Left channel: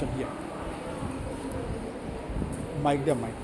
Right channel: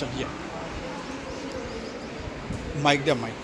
चलिए माइक द्या माइक.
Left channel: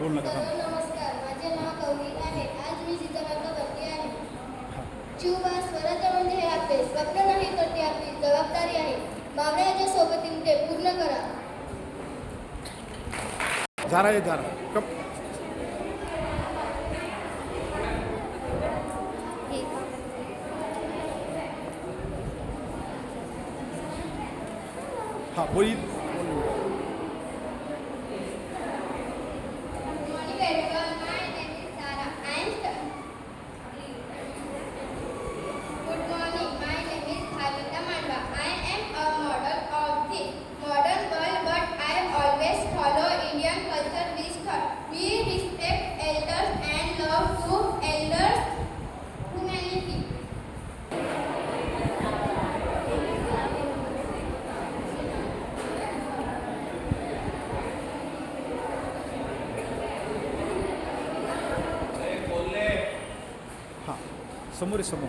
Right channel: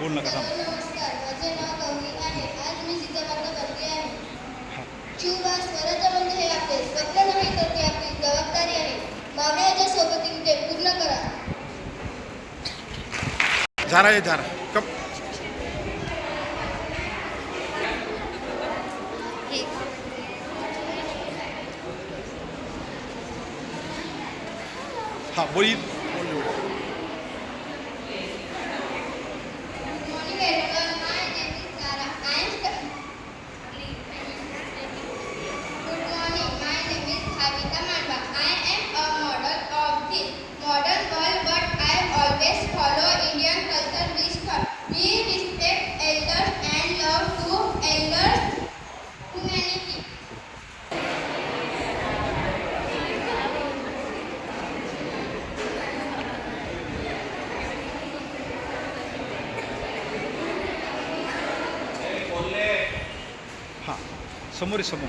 बोल नका थांब. नमस्कार, माझे नाव गौरी आहे. आज मी चित्ररंग करते आहे. शिवबा स्वराज्य म्हणजे हे आपले स्वप्न नाही तर ती आपली जबाबदारी आहे. मावळ्याच्या सोबतीने ते पूर्ण करा. झारा कप. हा बोल.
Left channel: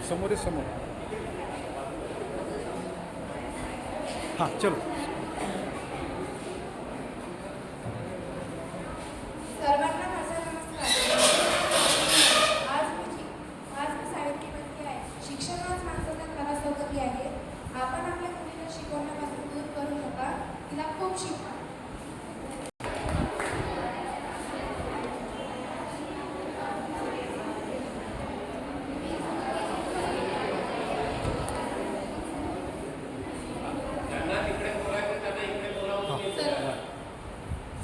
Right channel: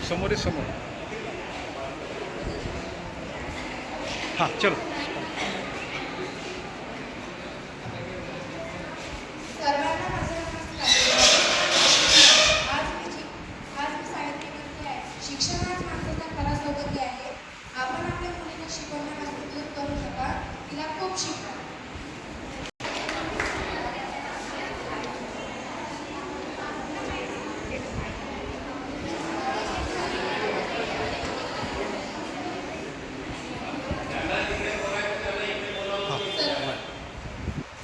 समोर समोर. हाँ चलो. सर्वांना माझा नमस्कार. आज मी शाळेत करते आहे. शिक्षण आज माणसाचा खरा सोबती आहे. आपण आपल्या मुलीला शिकवण्यापासून दूर करू नका. तिला खूप शिका.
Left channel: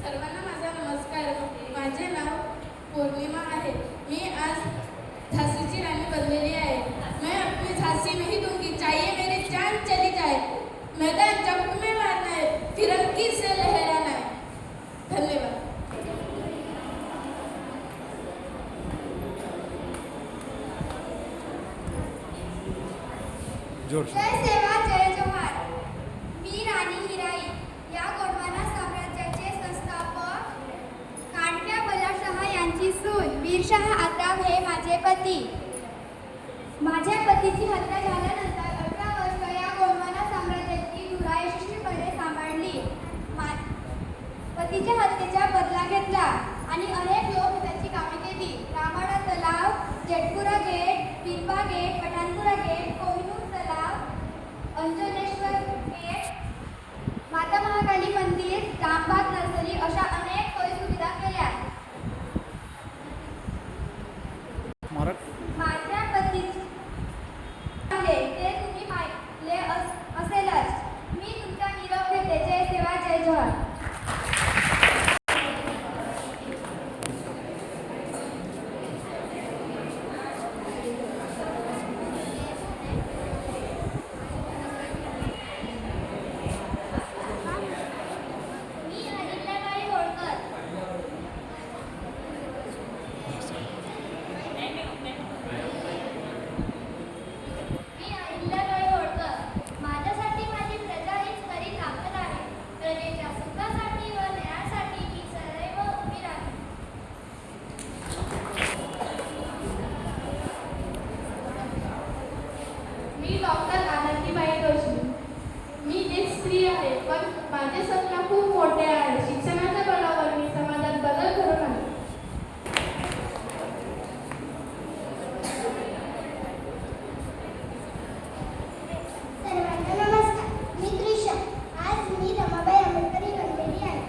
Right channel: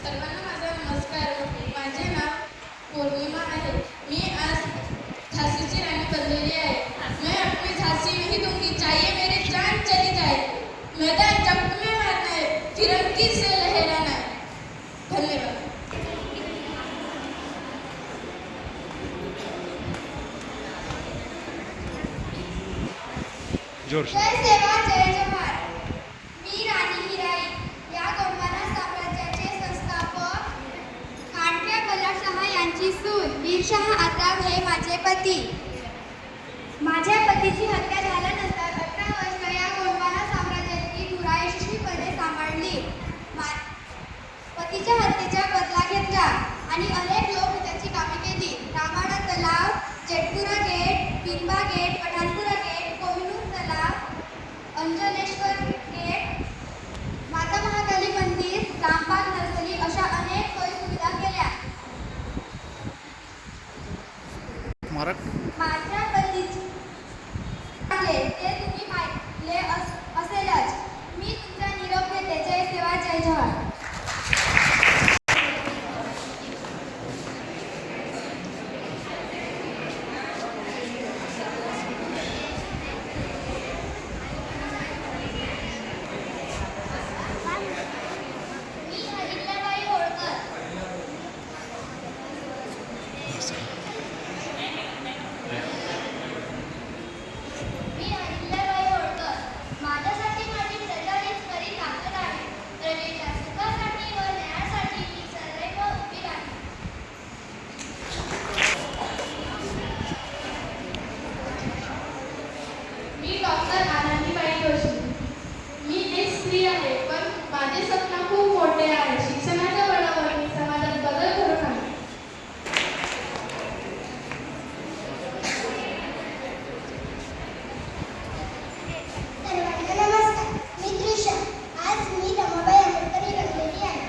सर्वांना माझा नमस्कार. माझे नाव पौर्णिमा आहे. मी आज झाशीची राणी बनलेली आहे. मैं अपनी झांसी नहीं दूंगी, चाहिए मेरी जान चली जाए. मैदान जंग में मारना है, तिरंगी से लहराना है. धन्यवाद. जोर से. जय सेवा जय जोहार. मी राणी हिराई या गोंडवाना साम्राज्याचे संस्थापक खांडक्या बल्लाळशाह यांची सून वीरशाह आगाव हे माझे पती. माझ्या पतीची हत्या झाल्यानंतर 18 वर्ष या गोंडवाना साम्राज्याची धुरा यशस्वीपणे सांभाळली. पतीच्या हत्येचा बदला घेतला आणि अनेक लोक त्याची कामे केली. रामाडा तलाव, जेटपुरा gate, पिंबा gate, Pathanpura gate, Kohinoor तलाव, अंजनेश्वर गेट, माता महाकाली मंदिर, रामबाग नर्सरी अशा अनेक सोयीसुविधा केल्या. माझ्या पतीचे ते तुम्ही पाहिले असेलच. मी तुमचा निरोप घेते. जय सेवा जय जोहार. मी डॉक्टर आनंदीबाई जोशी. मी एक स्त्री आहे, पण माझे स्वप्न खूप मोठे आहे. शिक्षणाच्या बळावर मी समाजात बदल घडवून आणते. सर्वांना नमस्कार. मी त्रिशा. आज मी रमाबाई आंबेडकर बनलेली आहे.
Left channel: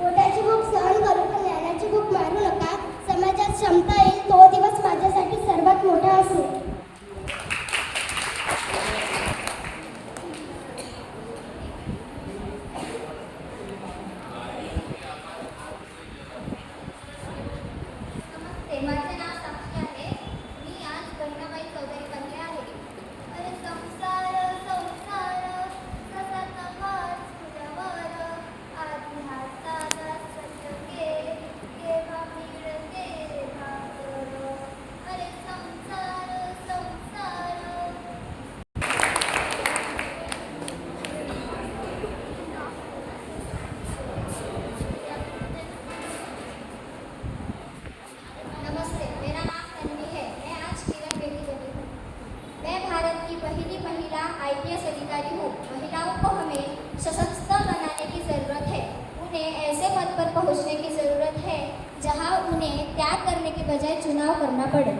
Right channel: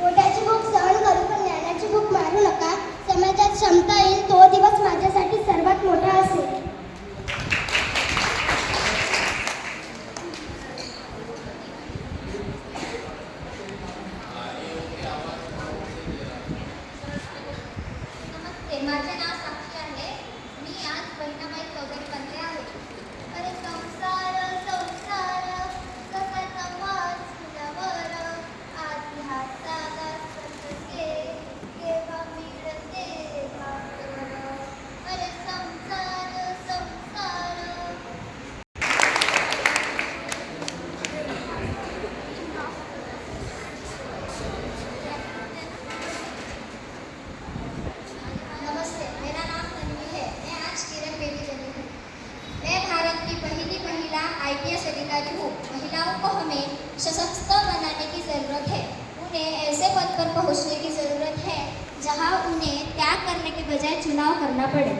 पोटाची भूक सहन करू पण ज्ञानाची भूक मारू नका. समाजात क्षमता येईल तो दिवस माझ्यासाठी सर्वात मोठा असेल. IPS अधिकारी हूँ। महिलाओं को हमें सशक्त बनाने की ज़रूरत है। उन्हें ऐसे पद पर पहुँचने की ज़रूरत है जहाँ उन्हें त्याग करने के बजाय चुनाव करना पड़े।